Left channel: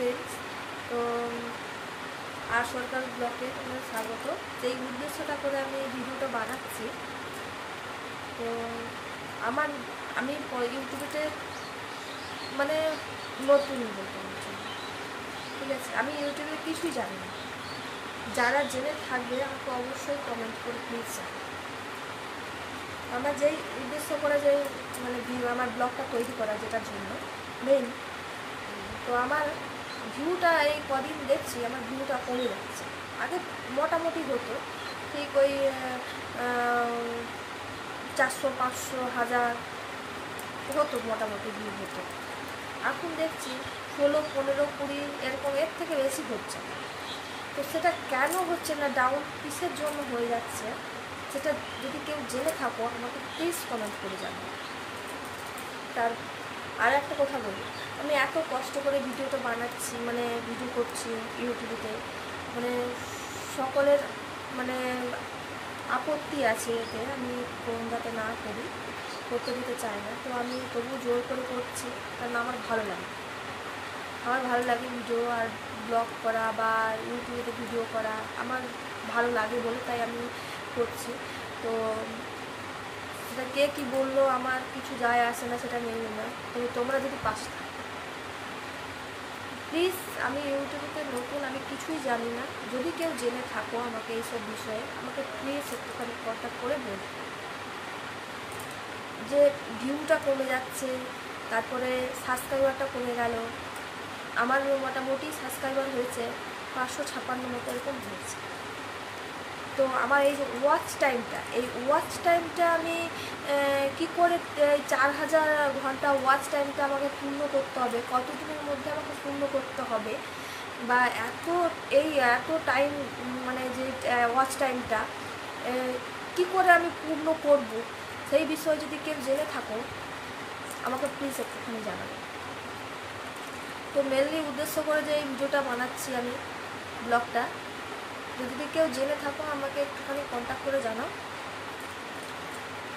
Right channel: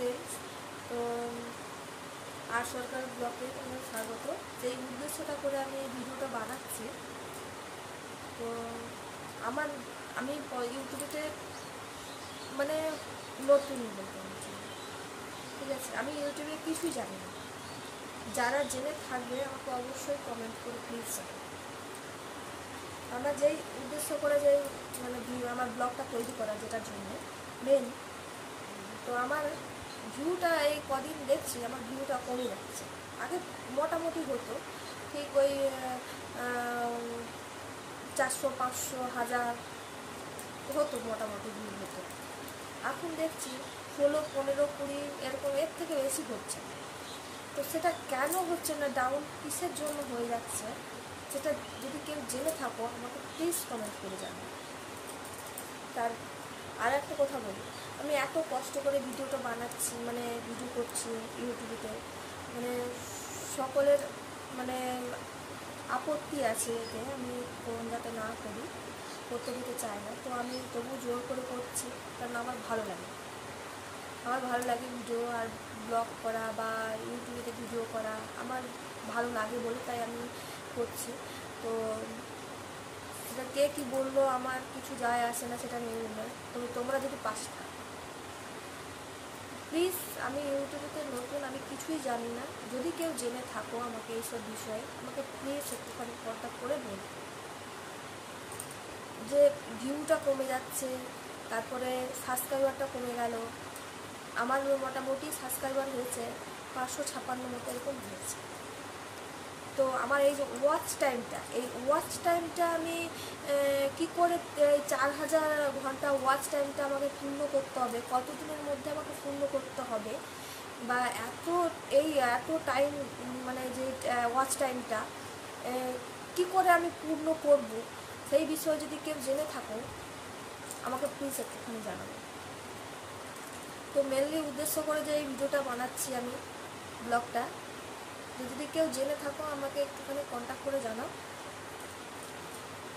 Friends, তো আর সরকার ব্লগে তোমার স্বাগত। যেই উদ্দেশ্যটা করে আমি এই ভিডিওটা বানাচ্ছি, তো আমি ইউটিউবে মানে নতুন ঠিক আছে, আমি ইউটিউবে কিছুই জানি না। যারা জেনে থাকবে আমাকে অবশ্যই কমেন্ট করে প্লিজ। আমার যেই উদ্দেশ্য করে যে মানে আমার ব্লগটা তৈরি করা, যেটার জন্য মেইন, তো আমার ভিউটা এই কদিন দেখছি আমার ভিউটা কমে যাচ্ছে। আগে মোটামুটি হতো ঠিক ওই 400, 500, 1000 হতো, মোটামুটি ভিউ হতো। এখন দেখছি 16, 15, 20 এরকম, এর থেকে বেশি হচ্ছে না। তো সেটা কেন হচ্ছে না, ডাউন কিসের জন্য হয়ে যাচ্ছে, সেটা যদি কেউ জেনে থাকো আমাকে প্লিজ কমেন্ট করে জানাও। তার আর একটা কথা বলি, আমি এত কষ্ট করে ভিডিওটা বানাচ্ছি, মানে ভিডিও করছি ইউটিউবেতে, মানে সকলের মানে আপত্তি আছে এতে, আমি কোন যাতে না করি, করতে দিতে চাই না। তো আমি তবু জোর করে করছি, কারণ আমার ভালো লাগে ভিডিও আর ব্লগ করা বা ইউটিউবেতে ভিডিও করা আমার ভালো লাগে বলে তাই আমি করছি। তো সেটা কে কী বললো আমার কিছু যায় আসে না, সেটা মেনে না। তবে তোমরা যদি পাশে প্লিজ, আমি ইউটিউবে নতুন, আমি কিছুই জানি না। যদি কেউ জেনে থাকো আমাকে এইসব বিষয়ে, আমাকে প্লিজ একটুখানি কন্ট্যাক্ট করে বলবে। যে ভিউটা কমে যাচ্ছে, তারপরে সাবস্ক্রাইবারটা কমে গেল। আমার মোটামুটি সাবস্ক্রাইবার হয়েছে 556 মতো এরকম হয়েছে। তো আমার এই যে ওয়াচ টাইমটা আমি কি করে 4000 ঘন্টা ওয়াচ টাইমটা আমাকে পূর্ণ করতে হবে, কতদিনের মধ্যে আমাকে পূর্ণ করতে হবে, বা এত টাইম মানে যে ওয়াচ টাইমটা কি করে আমি পূর্ণ করব, সেই বিষয়ে যদি কেউ জেনে থাকো আমাকে প্লিজ একটুখানি জানাবে। তো মেনলি উদ্দেশ্য করে যে এই ভিডিওটা বানাচ্ছি আমি, ব্লগটা, যদি কেউ জেনে থাকো আমাকে একটুখানি কন্ট্যাক্ট করে জানাও।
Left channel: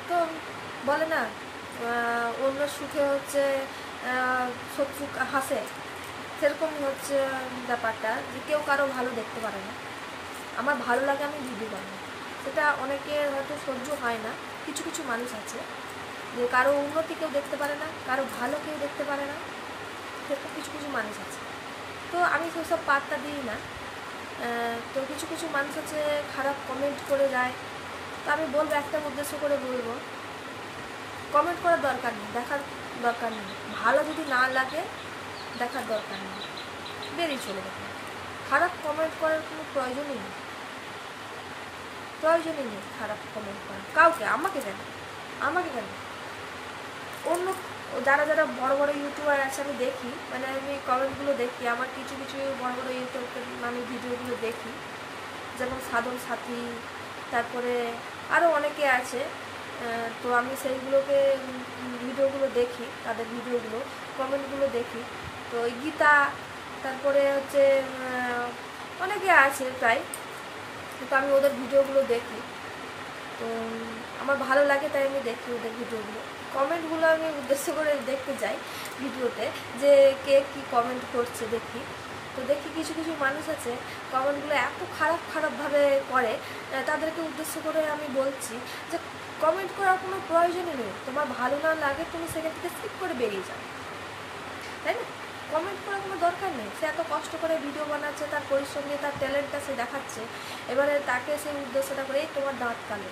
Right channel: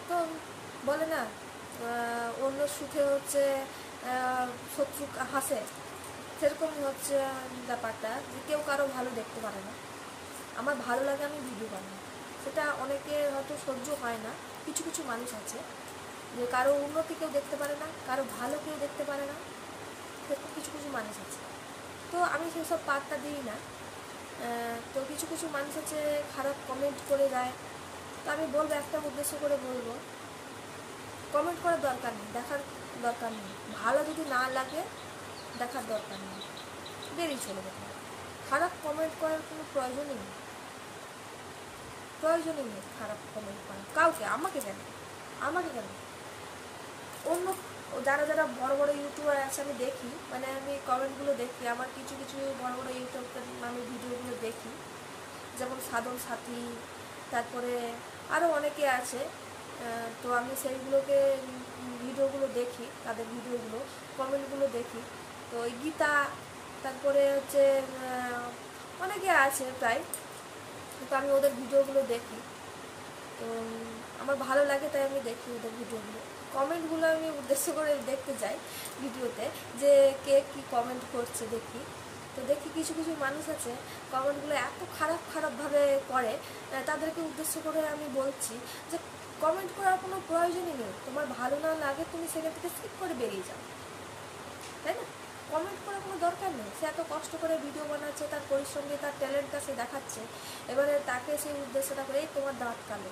তো বলে না, অন্য সুখে হচ্ছে শত্রু হাসে, সেরকমই হচ্ছে ব্যাপারটা, যে কেউ কারো ভালো দেখতে পারে না। আমার ভালো লাগে আমি ভিডিও বানাই, সেটা অনেকের হয়তো সহ্য হয় না। কিছু কিছু মানুষ আছে যে কারো উন্নতি কেউ দেখতে পারে না, কারো ভালো কেউ দেখতে পারে না, সেরকম কিছু কিছু মানুষ আছে। তো আমি সেসব পাত্তা দিই না। তো কিছু কিছু মানুষ আছে খারাপ কমেন্ট করে যায়। তো আমি বলবো, একটা উদ্দেশ্য করে বলবো, কমেন্ট করার দরকার নেই, দেখার দরকার নেই। ভালো যদি না লাগে দেখার দরকার নেই, বেরিয়ে চলে যাবে। খারাপ কমেন্ট করার কোনো প্রয়োজনই নেই খারাপ কমেন্ট করার কাউকে। আমাকে কেন অন্য যারা বড় বড় ইউটিউবার আছে আমি দেখি, মানে আমি কমেন্টগুলো দেখি, আমার কিছু কিছু বড় বড় ইউটিউবের আমি ভিডিওগুলো দেখি, যেমন সাধন সাথী, তারপরে আরও অনেকে আছে। তো আমি সেইগুলোকে ভিডিওগুলো দেখি, তাদের ভিডিওগুলো কমেন্টগুলো দেখি। তো গীতা, তারপরে হচ্ছে অনেকে আছে প্রায়, তো আমি ওদের ভিডিওগুলো দেখি। তো আমার ভালো লাগে তাই আমি দেখি ওদের ভিডিওগুলো। কমেন্টগুলো আমি উদ্দেশ্য করে দেখতে যাই ভিডিওতে, যে কে কী কমেন্ট করছে দেখি। তো দেখি কিছু কিছু মানুষ আছে কমেন্টগুলো এত খারাপভাবে করে, তাদেরকে উদ্দেশ্য করে আমি বলছি যে কমেন্ট করার কোনো প্রয়োজনই নেই। তোমার ভালো না লাগে তুমি সেখান থেকে স্কিপ করে বেরিয়ে যাও, তাই না? কমেন্ট করার কোনো দরকার নেই। সে এত কষ্ট করে ভিডিও বানাচ্ছে, তার পরিশ্রম দিয়ে তার ট্যালেন্টটা সে দেখাচ্ছে, এবারে তাকে সে উদ্দেশ্যটা করে এই তোমার দাঁত কালো,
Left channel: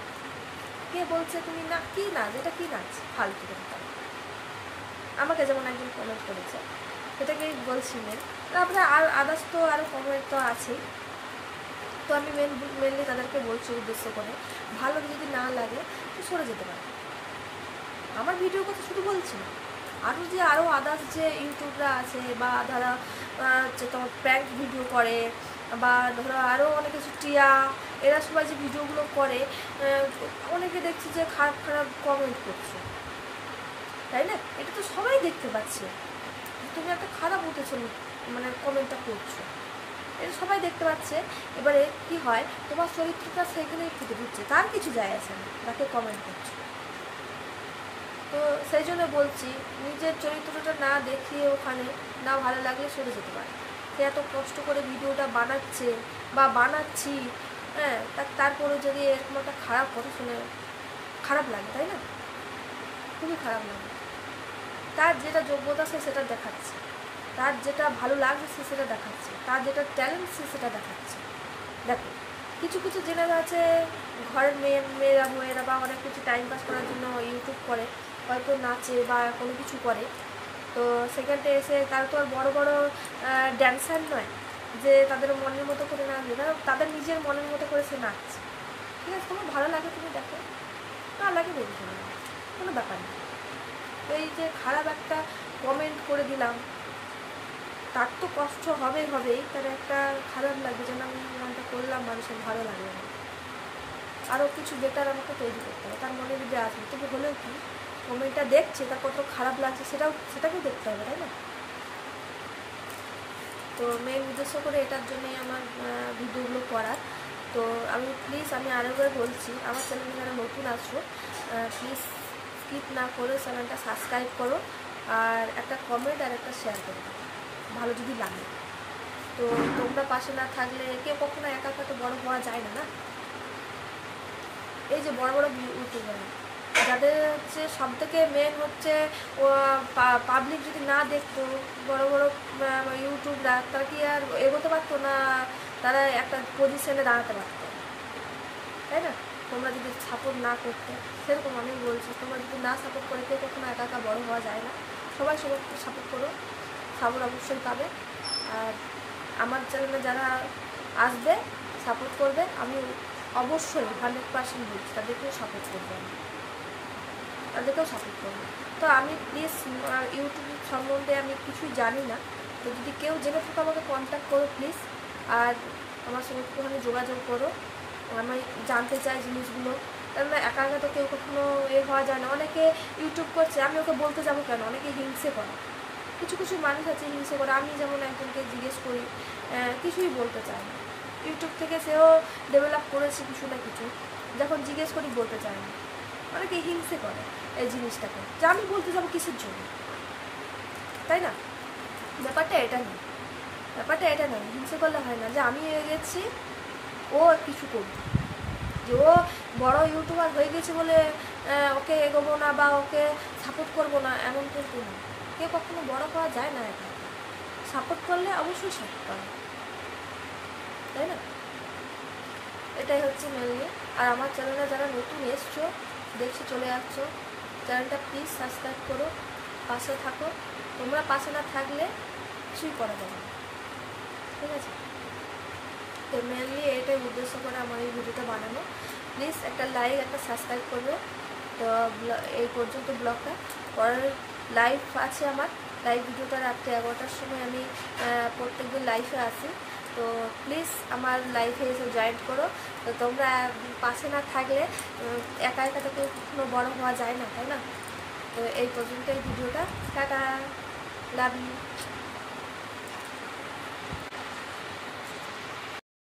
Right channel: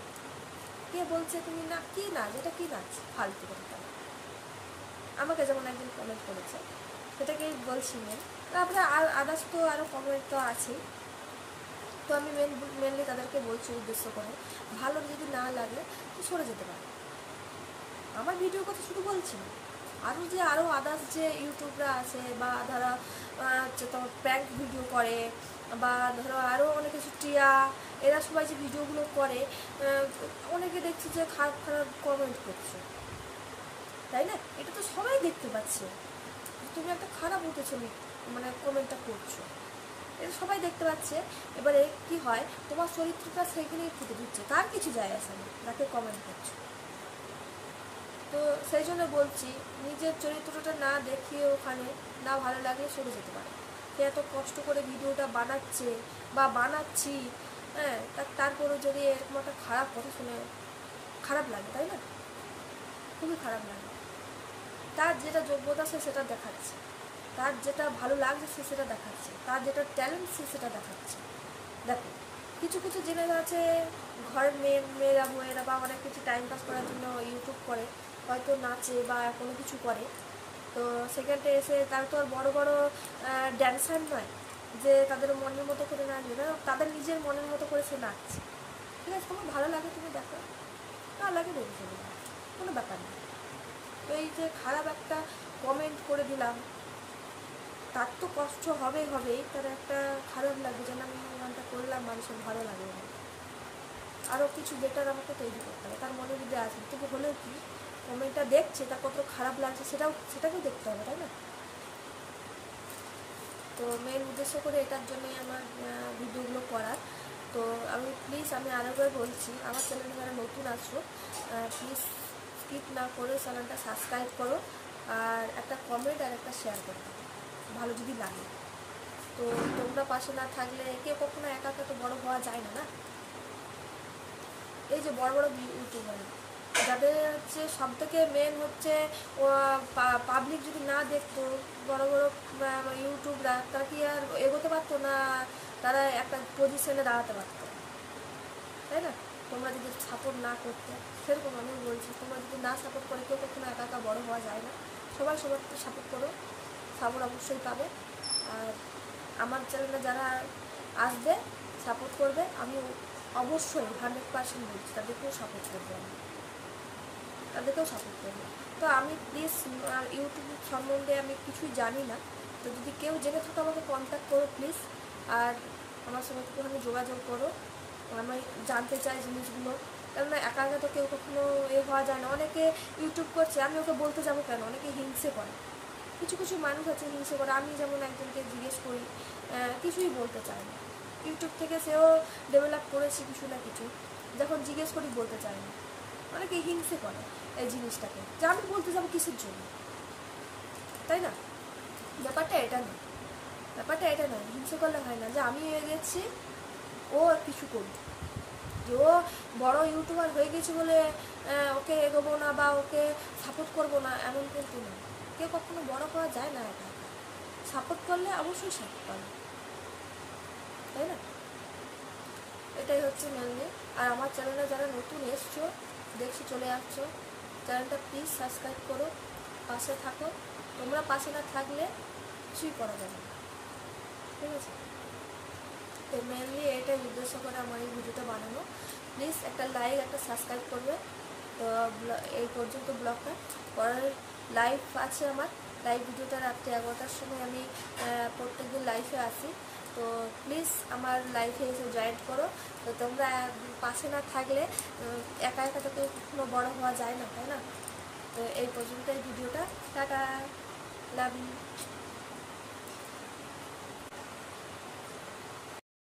কে বলছে তুমি না কি নাচ, এটা কি নাচ, ফালতু কথা। আমাকে যেমন একজন কমেন্ট করেছে, সেটাকেই বলছি না। তারপরে আর আদার্স তো আরও কমেন্ট তো আছেই। তো আমি মেনলি তাদেরকে বলছি উদ্দেশ্য করে, ভালো যদি না লাগে তো সরে যেতে পারে। আমার ভিডিওর কথা শুধু বলছি, আরও আদার্স যে ইউটিউবরা আছে, বা ধরো হচ্ছে তোমার প্র্যাঙ্ক ভিডিও করে, বা ধরো আরও অনেক কিছু টিয়া, এরা সবাই যে ভিডিওগুলো করে, অনেকে দেখছি যে খারাপ কমেন্ট করছে, তাই না? এটা তো সবাই দেখতে পাচ্ছি, তুমি একটা খারাপ উঠেছো মানে কমেন্টটা করছো, এটা সবাই দেখতে পাচ্ছে। এবারে কি হয়, তোমার চরিত্রটা সেখানেই ফুটে দিচ্ছে, তার কিছু যায় আসে না তাকে কমেন্ট করছে। তো সেই জন্য বলছি, নিজের চরিত্রটা না দেখিয়ে ওখানে না ভালো লাগলে সরে যেতে পারে। কে এত কষ্ট করে ভিডিওটা বানাচ্ছে বা বানাচ্ছি, হ্যাঁ, তারপরে যদি এরকম একটা খারাপ কথা শুনে খারাপ লাগে, তাই না? খুবই খারাপ লাগে। তার যেটা যোগ্যতা সে সেটা দেখাচ্ছে, তার যেটা ভালো লাগছে সে সেটা দেখাচ্ছে, তার যেটা ট্যালেন্ট সে সেটা দেখাচ্ছে। দেখো, কিছু কিছু জেনে আছে ঘরের মেয়েরা বা অনেক কিছু টাইম পাস করার জন্য ইউটিউব করে, হয়তো নাচে বা কোনো কিছু করে, তো সেখানটা এসে তারা তো আর বড় বড় ড্যান্সার নয় যে তাদের মনের মতো করে নাচবে, তাদের নিজের মনের মতো করে সে নাচছে। ঠিক আছে, তোমার ভালো লাগে তুমি দেখো, না লাগে বেরিয়ে যাবে, কোনো ব্যাপার না। এই যে খারাপ একটা কমেন্ট করে দিলাম, তার তো কষ্ট হবেই, তার একটা খারাপ লাগে যেন আমি মনটা করলাম মানুষের ভালো লাগে না, আরও কিছু বেটার আমাকে তৈরি করতে হবে, তার মনে যদি আসবে তবু হলেও কি কমেন্টটা দেখছে তা কত খারাপ লাগছে সেটাকেও দেখতে হবে, তাই না? তো মেন উদ্দেশ্য করে এটার জন্যই আমার ভিডিওগুলো করার। তো আমি আরেকবার বলছি, আমার চ্যানেলে যারা নতুন আসো প্লিজ স্কিপ না করে চ্যানেলটা সাবস্ক্রাইব করো, আর একটা কমেন্ট আর একটা শেয়ার করো ভালো যদি লাগে। তো তোমরা পাশে না থাকলে কেউ কখনো একা একা তো বড় হওয়া যায় না। এই যে বড় বড় ইউটিউবার যাদের হচ্ছে সব থেকে মেন হচ্ছে পাবলিক যদি না দেখতো, বড় বড় ইউটিউবরা তারা কি আর এগোতে পারতো না, তারা একটা পজিশনে দাঁড়াতে পারতো, তাই না? তোমরা যদি সাপোর্ট না করতে, সেরকম আমি বলছি, তোমরা যদি না সাপোর্ট করে কেউ কখনো একা একা বড় হওয়া যায় না। সবাই সাপোর্ট করো, সাপোর্ট অবশ্যই পাবে। আর আমার চ্যানেলে যারা আসবে সাপোর্ট করবে, আমি অবশ্যই 100% বলছি তাদেরকেও সাপোর্ট করবো, তাদেরকেও সাপোর্ট করবো। তো আমি প্লিজ ইউটিউব সম্বন্ধে আমি কিছুই জানি না, তো যদি কেউ জেনে থাকো আমাকে কন্ট্যাক্ট করো প্লিজ, আর আমার সঙ্গে একটুখানি যোগাযোগ করো, আমি জানতে চাই জিনিসগুলো। কেননা একা একা তো কেউ কখনো হওয়া যায় না, অনেকে ইউটিউব করছে, আমি ওকে বলতে যাবো কেন, অনেকে হিংসে করে, কিছু কিছু মানুষ আছে হিংসে করে। আমি যেমন একজনকে জিজ্ঞেস করি, কিছুই বলতে চায় না, ইউটিউব থেকে সেও ডেভেলপ করেছে কিছু না কিছু, যখন জিজ্ঞেস করি বলতে চায় না, অনেকে হিংসে করে এই জিনিসটাকে, যে আমি বলতে যাবো কিসের জন্য, তাই না? ব্যাপারটা এটা নয়, হিংসে করলে হয় না যে আমি এগেছি ও কিছু করবে, যে ও বড় ইউটিউবার হয়ে গেছে বলে ওকে এগোবো না বা ওকে সাপোর্ট করবো না, এমন কিন্তু না। কেউ কখনো বড় পাওয়া যায় না একা, সাপোর্ট করলে অবশ্যই সাপোর্ট পাবে, তাই না? এটাই হচ্ছে মেনলি। আর আমার চ্যানেলে যারা নতুন এসছো, দেখছো, চলে যাচ্ছো, চ্যানেলটা প্লিজ সাবস্ক্রাইব করো, পাশে থাকো। তোমরা পাশে না থাকলে কিছুই করা যাবে না, ঠিক আছে? তো মেনলি এটাই উদ্দেশ্য করে আমার এই ভিডিওটা বানানো। প্লিজ একটা লাইক, একটা সাবস্ক্রাইব করবে। তো এই পর্যন্ত ব্লগটা, পরের লাইভ আছে আমার, লাইভ ভিডিওটা রাত্রে 11টার সময় আমি প্রত্যেকদিন লাইভে আসি, তো প্লিজ আমার লাইভে এসে জয়েন করো। তো তোমরা পাশে না থাকলে একা একা থেকে কখনো বড় হওয়া যায় না, তাই না? তো এই পর্যন্ত এই ভিডিওটা, টাটা, লাভ ইউ।